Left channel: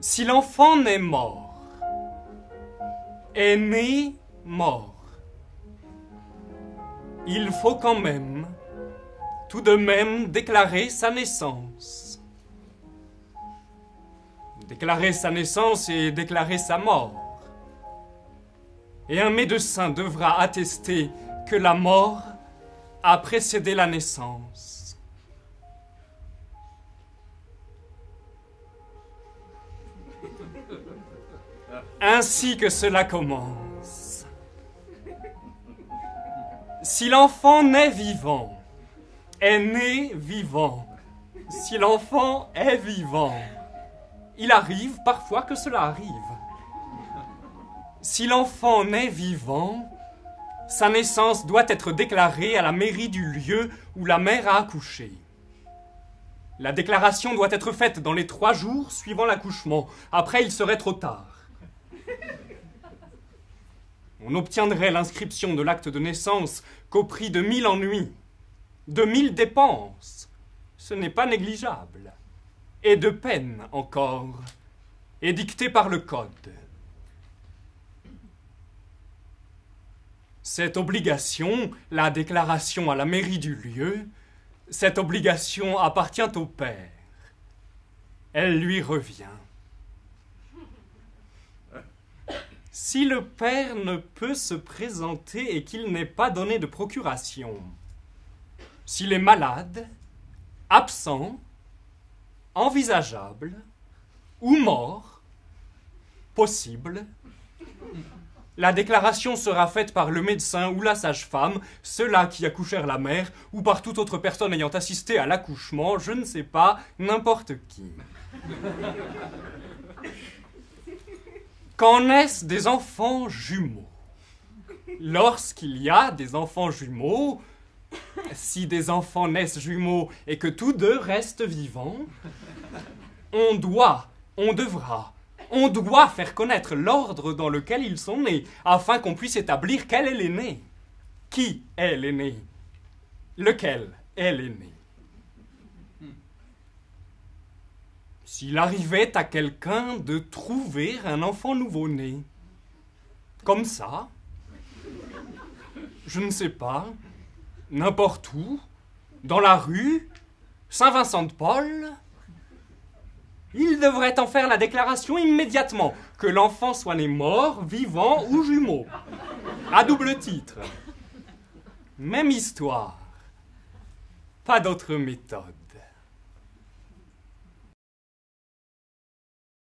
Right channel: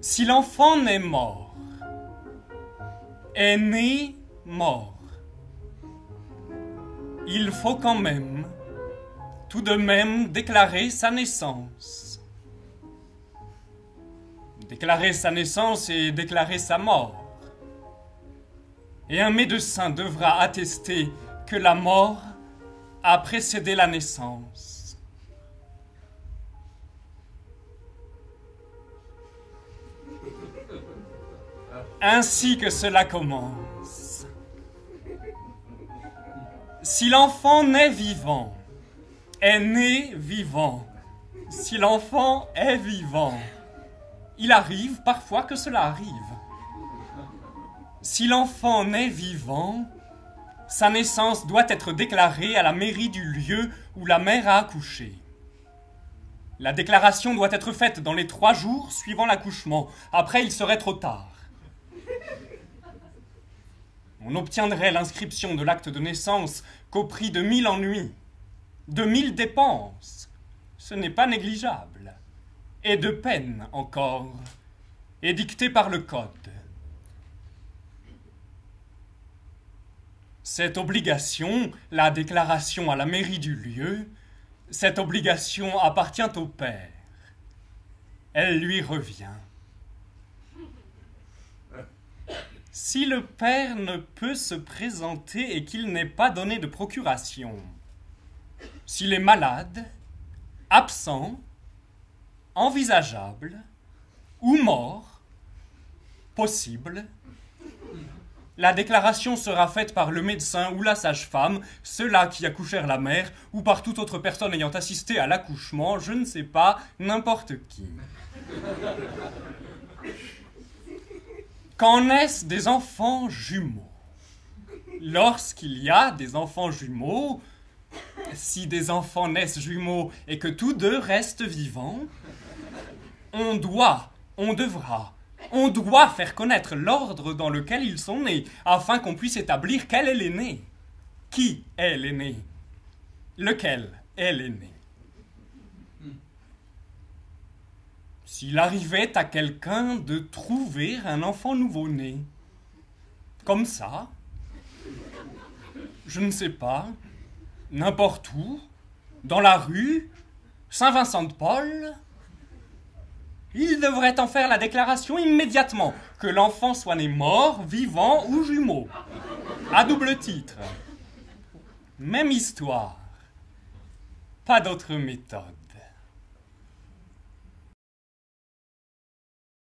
Si l'enfant naît mort, est né mort, il faut quand même, tout de même, déclarer sa naissance. Déclarer sa naissance et déclarer sa mort. Et un médecin devra attester que la mort a précédé la naissance. Ainsi que cela commence. Si l'enfant naît vivant, est né vivant, si l'enfant est vivant, il arrive parfois que cela arrive. Si l'enfant naît vivant, sa naissance doit être déclarée à la mairie du lieu où la mère a accouché. La déclaration doit être faite dans les 3 jours suivant l'accouchement. Après, il serait trop tard. On n'obtiendrait l'inscription de l'acte de naissance qu'au prix de 1000 ennuis, de 1000 dépenses. Ce n'est pas négligeable. Et de peine encore, édictée par le Code. Cette obligation, la déclaration à la mairie du lieu, cette obligation appartient au père. Elle lui revient. Si le père ne peut se présenter et qu'il n'est pas donné de procuration, s'il est malade, absent, envisageable ou mort, possible, la déclaration sera faite par le médecin ou la sage-femme, ceux-là qui accouchèrent la mère, ou par toute autre personne ayant assisté à l'accouchement, je ne sais pas, n'importe qui. Qu'en naissent des enfants jumeaux? Lorsqu'il y a des enfants jumeaux, si des enfants naissent jumeaux et que tous deux restent vivants, on doit faire connaître l'ordre dans lequel ils sont nés, afin qu'on puisse établir quel est l'aîné. Qui est l'aîné? Lequel est l'aîné? S'il arrivait à quelqu'un de trouver un enfant nouveau-né, comme ça, je ne sais pas, n'importe où, dans la rue, Saint-Vincent-de-Paul, il devrait en faire la déclaration immédiatement, que l'enfant soit né mort, vivant ou jumeau, à double titre. Même histoire, pas d'autre méthode.